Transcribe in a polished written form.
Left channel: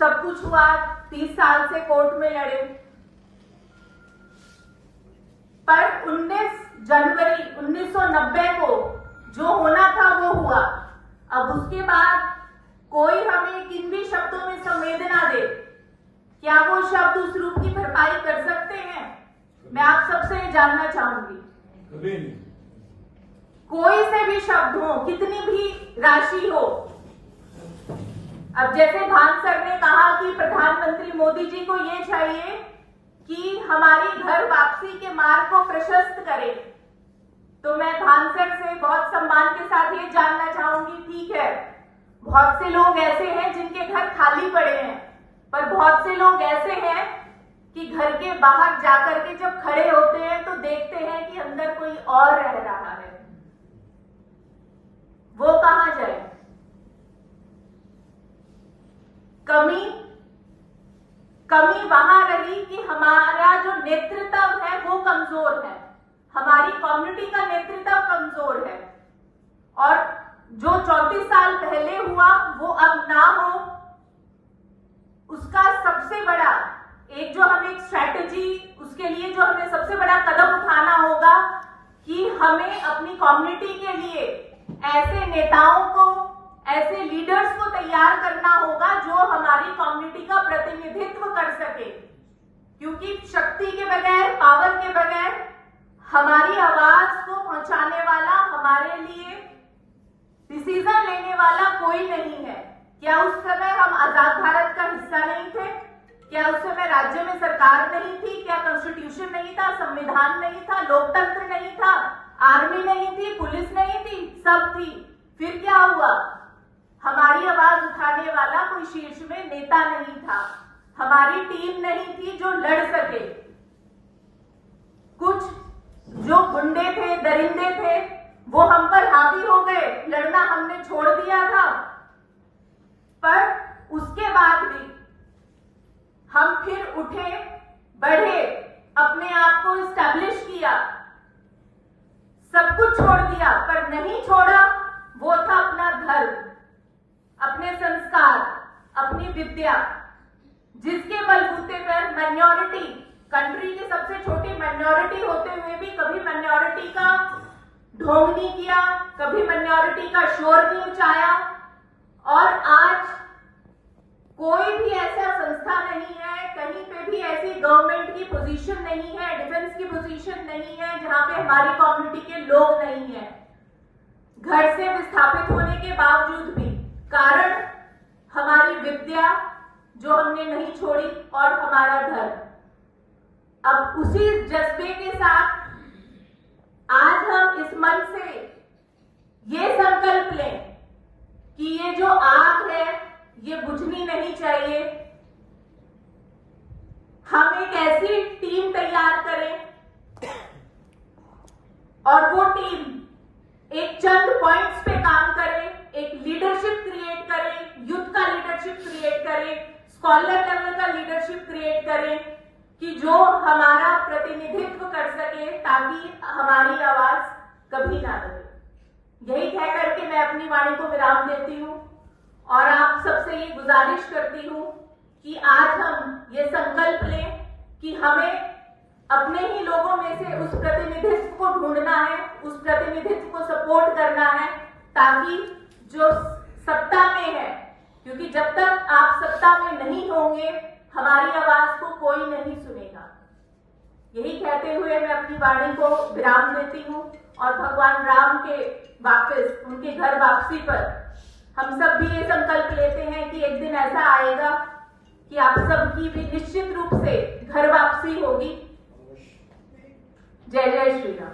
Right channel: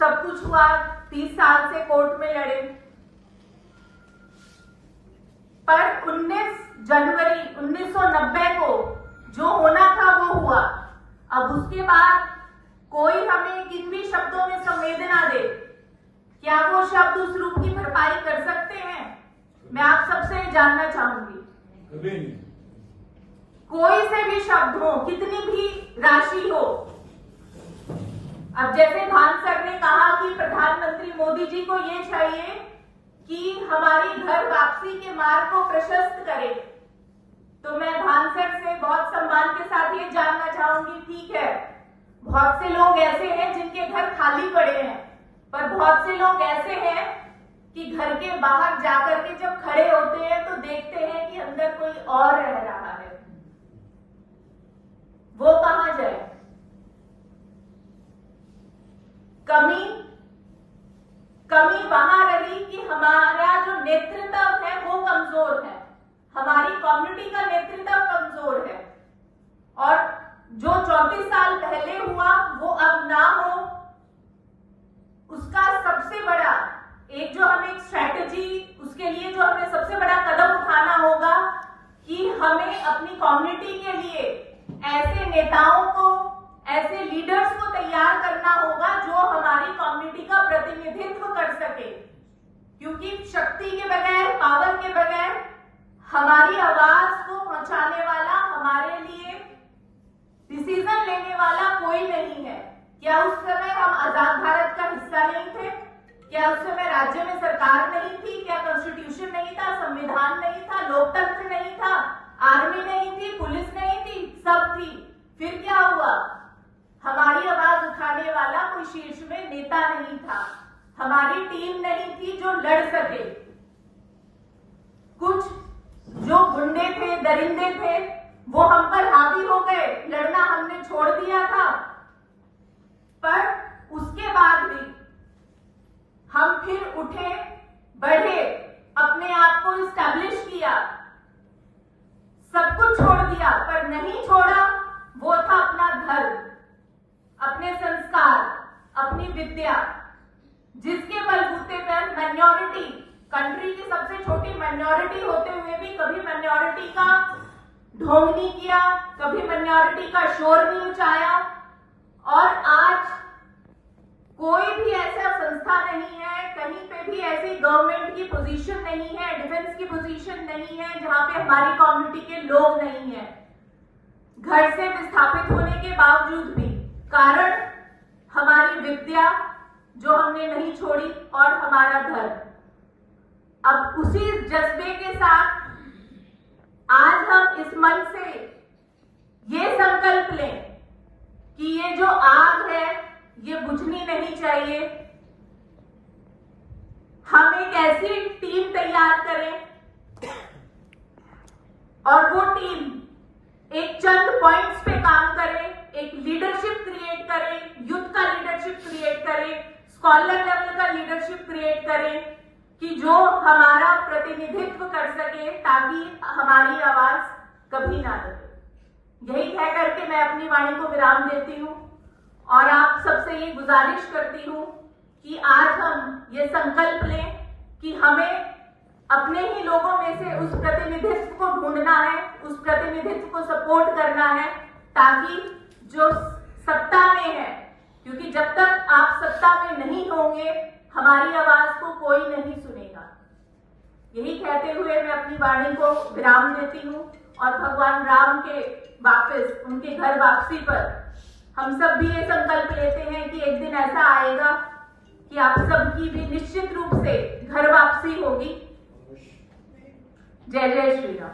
सब कुछ हुआ, 30 साल से कोर्ट में लड़े, पर 19 जनवरी 1990 को जो होना था वो हुआ। अब उसके बाद कोई हमें किन भी शब्दों में संवेदना दे, क्या वो शब्द उस रूप की भरपाई कर सकते हैं? मैं आप सबसे जानना चाहूंगी। कभी नहीं। कोई से भी शब्द हो, कितनी भी राशि हो। अब जैसे भान सर ने कहा कि प्रधानमंत्री मोदी जी को ये चाहिए कि हमारी घर वापसी के मार्ग को प्रशस्त करे, तो मैं भान सर से बहुत सम्मान के साथ ये जानना चाहूंगी, ठीक है, बहुत से लोग ऐसे हैं जिनके घर खाली पड़े हैं, पर बहुत से लोग ऐसे हैं कि घर के बाहर जाकर के जब खड़े होते हैं तो देखते हैं कि अंदर कोई और रह रहा है। वो कहां जाए? कमी वहां रही कि हमारा जो नेतृत्व है वो कमजोर है, हमारी कम्युनिटी का नेतृत्व कमजोर है, और जो 34 साल पहले हुआ वो अब ना हो, उसका सबसे बड़ा जो हमें स्ट्रैटेजी, उसके लिए जो हमें सबसे बड़ा कदम उठाना होगा कि हमें अपनी कम्युनिटी के लिए ऐसे नेताओं को, ऐसे लीडर्स को तैयार करना होगा जो हमारी कम्युनिटी का प्रतिनिधित्व कर सके, क्योंकि शक्ति के बगैर, पावर के बगैर हमारी आवाज को पहुंचाने वाला, हमारे लिए डिसीजन लेने वाला कोई नहीं है। क्या उस समय हम आजाद भारत का हिस्सा नहीं थे? क्या उस समय राज्य में सरकार नहीं थी? क्या कॉन्स्टिट्यूशन नहीं था, संविधान नहीं था, लोकतंत्र नहीं था, आर्मी नहीं थी, पुलिस नहीं थी? सब थी। फिर क्या हुआ? हमारी आवाज उठाने वाला कोई शीर्ष में नेता नहीं था, हमारी टीम नहीं थी जो लड़ सके। कुछ जो गुंडे थे, दरिंदे थे, वो हम पर हावी हो गए, लड़ना हमने छोड़ दिया था, पर उसके बाद भी हम फिर उठे, बढ़े, अपने आप को इस्टेब्लिश किया, सब कुछ छोड़ दिया, पर नहीं छोड़ा वो था अपना धर्म, अपने संस्कार, अपनी विद्या, जिसके बलबूते पर माइनॉरिटी, कंट्री की सबसे छोटी माइनॉरिटी होते हुए भी कभी माइनॉरिटी का ढोंग नहीं किया, कभी माइनॉरिटी का शोर नहीं मचाया, और आज कोई भी ऐसा संस्था नहीं है, कहीं पे भी ऐसी गवर्नमेंट की पोजीशन नहीं है, डिफेंस की पोजीशन नहीं है जहां पे हमारी कम्युनिटी के लोग नहीं है, घर से विस्थापित होने के बावजूद भी। कारण हमारी विद्या जो हमने नहीं छोड़ी और हमारा धर्म। अब उसी जज्बे के साथ आज हम इस मन से ये संकल्प लें कि ये जो आग है ये बुझनी नहीं चाहिए। हम एक ऐसी टीम तैयार करें और वो टीम एक चंद पॉइंट्स पे काम करे, एक लीडरशिप क्रिएट करे, युद्ध का लीडरशिप क्रिएट करे, स्कॉलर लेवल का लीडरशिप क्रिएट करे, कि जो हमारा प्रतिनिधित्व कर सके, ताकि हमारी आवाज कभी ना दबे। यही कह करके मैं अपनी वाणी को विराम देती हूँ और आप सबसे ये गुजारिश करती हूँ कि आज हम ये संकल्प लें कि हमें अपने ही लोगों में से उस प्रतिनिधित्व को ढूंढना है, उस प्रतिनिधित्व को सपोर्ट करना है, ताकि जो सत्ता में है, क्योंकि जब तक आप सत्ता में नहीं होंगे हमारी आवाज को कोई नहीं सुनेगा। यही कहते हुए मैं अपनी वाणी को विराम देती हूँ और भगवान राम के वापस, उनके घर वापसी पर हम सब भी ये संकल्प लेते हैं कि एक दिन ऐसा आएगा कि आप सबकी भी निश्चित रूप से घर वापसी होगी। जय जय श्री राम।